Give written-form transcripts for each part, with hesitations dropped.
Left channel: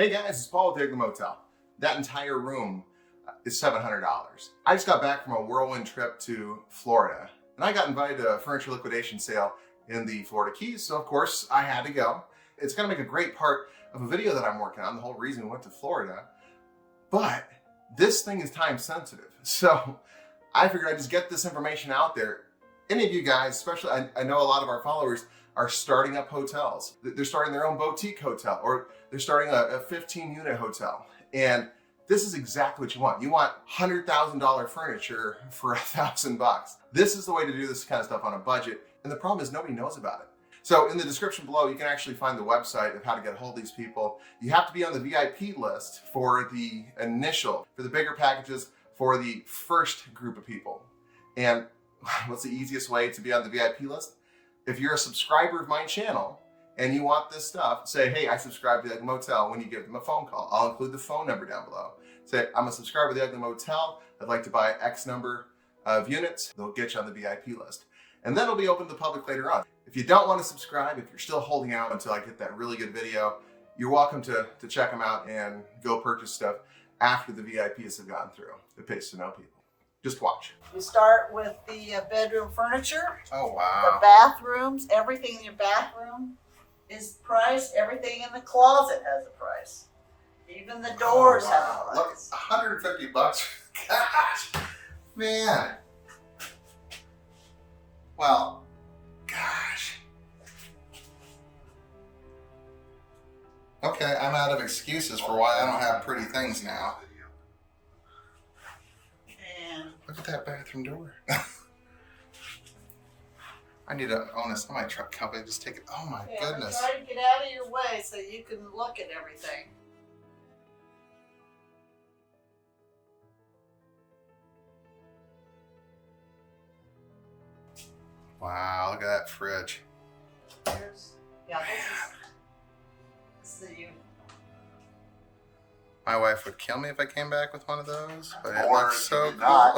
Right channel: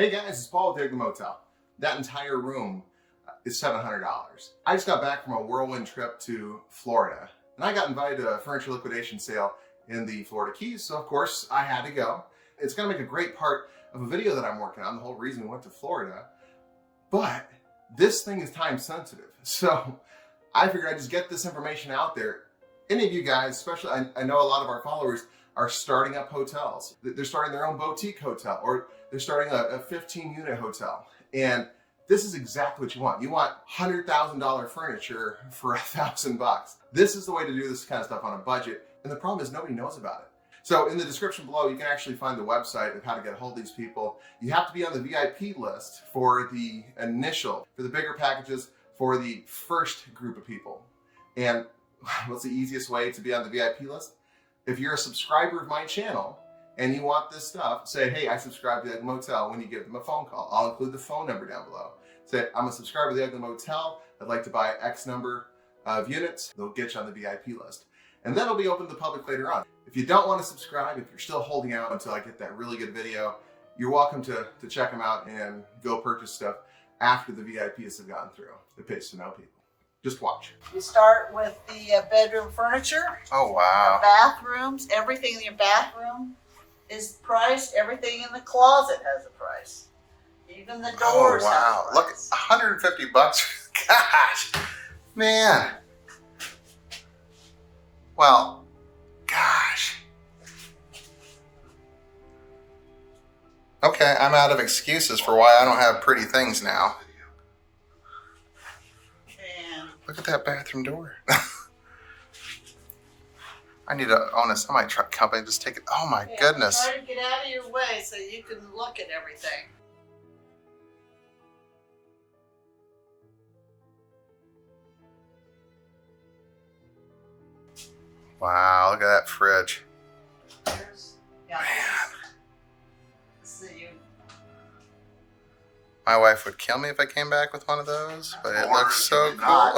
Hey guys, it's Paul with the Motel. That entire room is $700. I just got back from a whirlwind trip to Florida, and I got invited to a furniture liquidation sale in the Florida Keys, so of course I had to go. It's gonna make a great part of a video that I'm working on, the whole reason we went to Florida, but this thing is time sensitive. So I figured I'd just get this information out there. Any of you guys, especially, I know a lot of our followers are starting up hotels. They're starting their own boutique hotel, or they're starting a 15-unit hotel. And this is exactly what you want. You want $100,000 furniture for $1,000. This is the way to do this kind of stuff on a budget. And the problem is nobody knows about it. So in the description below, you can actually find the website of how to get a hold of these people. You have to be on the VIP list for the initial, for the bigger packages, for the first group of people. And what's the easiest way to be on the VIP list? If you're a subscriber of my channel and you want this stuff, say, hey, I subscribe to the Ugly Motel when you give them a phone call. I'll include the phone number down below. Say, I'm a subscriber to the Ugly Motel. I'd like to buy X number of units. They'll get you on the VIP list. And then it'll be open to the public later on. If you don't want to subscribe, if you're still holding out until I get that really good video, you're welcome to check them out and go purchase stuff after the VIPs have gone through. It pays to know people. Just watch. You start with the bedroom furniture. Oh, wow. The bathrooms, everything in your bathroom is priced. Everything in the closet has a price. Even the doors. Oh, wow. Have a Look, price. $150. Gosh, man. Well, gosh. Okay, I'm out of excuses for why I don't have pretty things now. Look at that bathroom door. I need to own a semi-truck company. Just take it. Oh my goodness. Try to get out of your way so you can look at everything. Wow, look at that fridge. Yeah, Man. this is the My wife would kill me if I came back with one of those, but it looks so cool.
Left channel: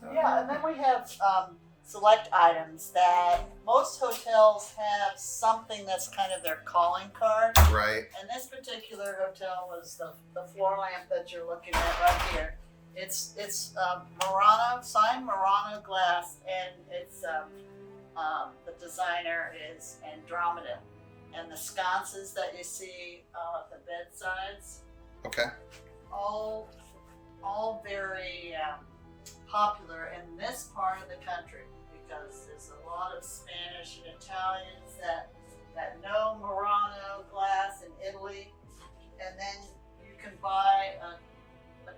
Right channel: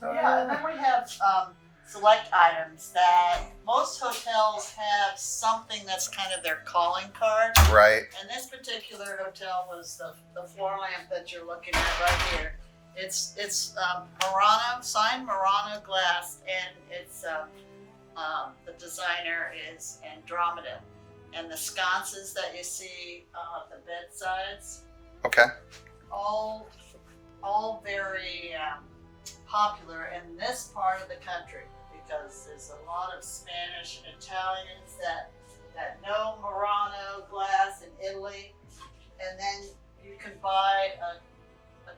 Yeah, and then we have select items that most hotels have something that's kind of their calling card. Right. And this particular hotel was the floor lamp that you're looking at right here. It's Murano, signed Murano glass, and it's the designer is Andromeda. And the sconces that you see, the bedsides, Okay. all very popular in this part of the country because there's a lot of Spanish and Italians that know Murano glass in Italy, and then you can buy a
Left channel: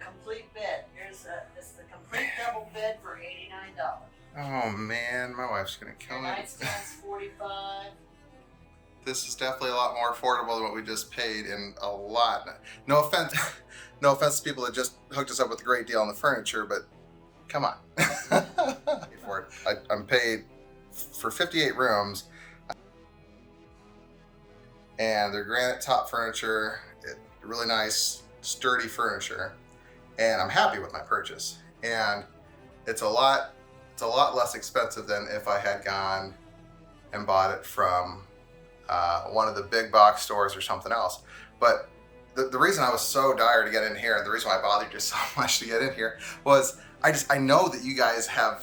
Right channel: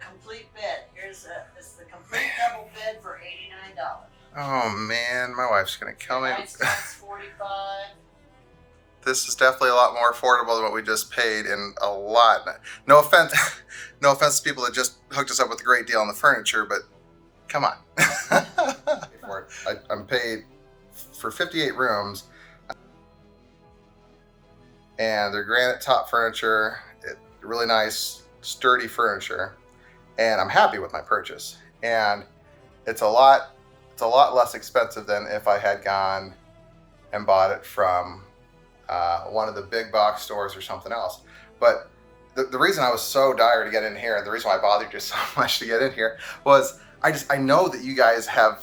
complete bed. It's the complete double bed for $89. Oh man, my wife's gonna kill me. Nightstand's $45. This is definitely a lot more affordable than what we just paid, and a lot. No offense to people that just hooked us up with a great deal on the furniture, but come on. I'm paid for 58 rooms, and they're granite top furniture, really nice, sturdy furniture, and I'm happy with my purchase. And it's a lot less expensive than if I had gone and bought it from one of the big box stores or something else. But the reason I was so dire to get in here, and the reason why I bothered you so much to get in here, was I know that you guys have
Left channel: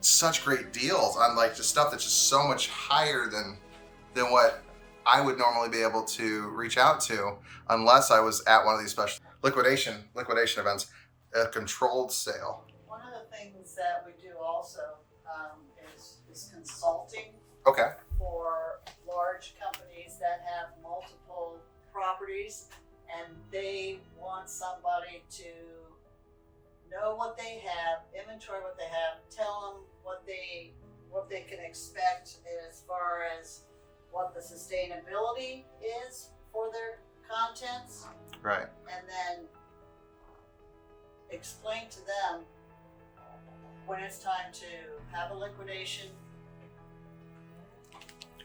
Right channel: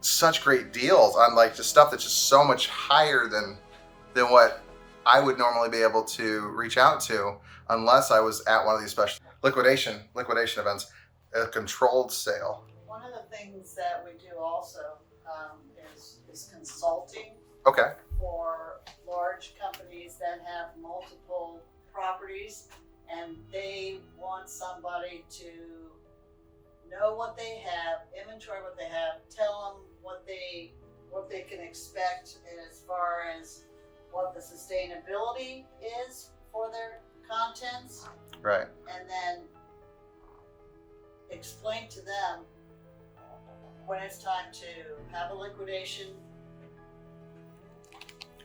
such great deals on like just stuff that's just so much higher than what I would normally be able to reach out to unless I was at one of these special liquidation events, a controlled sale. One of the things that we do also is consulting. Okay. For large companies that have multiple properties, and they want somebody to know what they have, inventory what they have, tell them what they can expect as far as what the sustainability is for their contents, Right. and then explain to them when it's time to have a liquidation.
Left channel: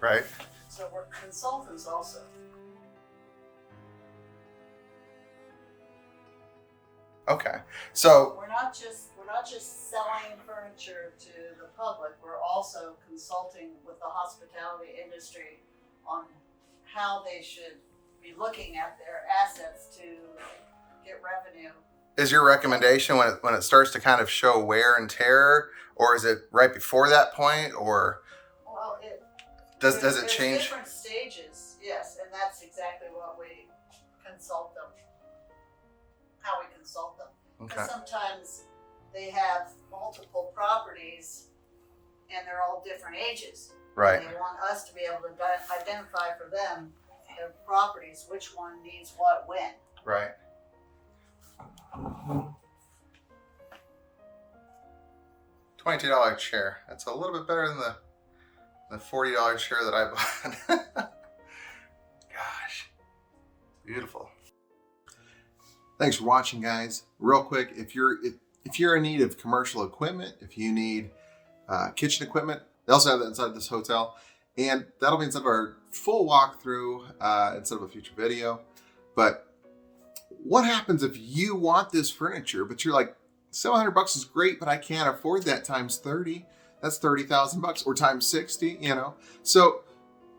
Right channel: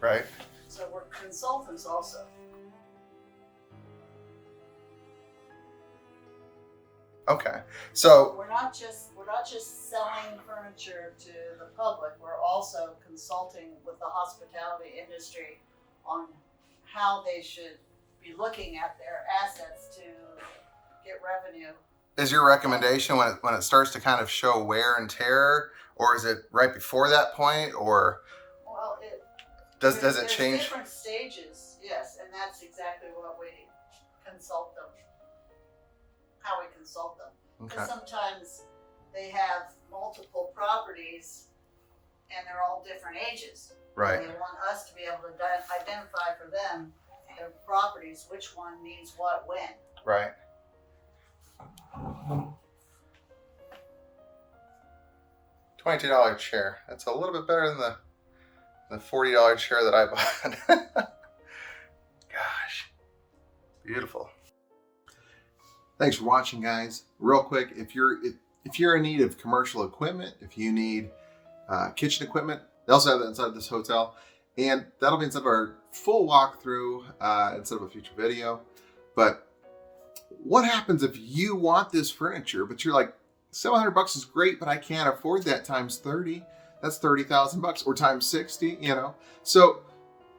Right. So we're consultants also. Okay. So We're not just selling furniture to the public. We're also consulting with the hospitality industry on how they should be looking at their assets to get revenue. Is your recommendation when it starts to kind of show wear and tear, or is it right before that point, or Well, does it there's change? Different stages, yes, and that's exactly what we consult them. How we consult them. Okay. And sometimes they have multiple properties, and they're all different ages. Right. And they want us to be able to identify for them their properties, which one needs what when. Right. $22 chair. That's a little bit better than the $40 chair that I bought. Gosh, beautiful. Thanks for watching, guys. Real quick, if you're in need of commercial equipment, if you need kitchen equipment, they also have that inside this hotel, and that'll be inside of our full walkthrough instead of a future video. But what happens if you want this furniture, but you're like, $700 is great, but I can't afford that times 30. That's $30,000, or times 60, you know? So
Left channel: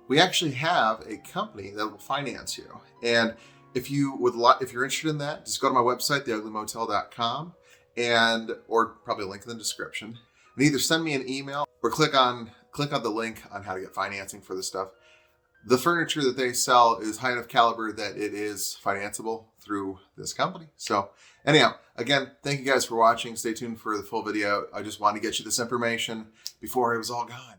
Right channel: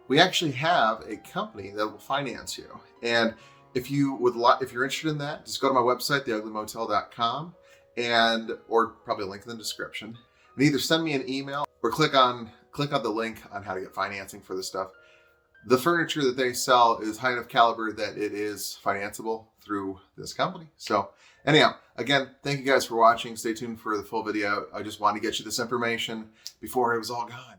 we actually have a company that will finance you. And if you're interested in that, just go to my website, theuglymotel.com, or probably a link in the description, and either send me an email or click on the link on how to get financing for this stuff. The furniture that they sell is high enough caliber that it is financeable through this company. So anyhow, again, thank you guys for watching. Stay tuned for the full video. I just wanted to get you this information before it was all gone.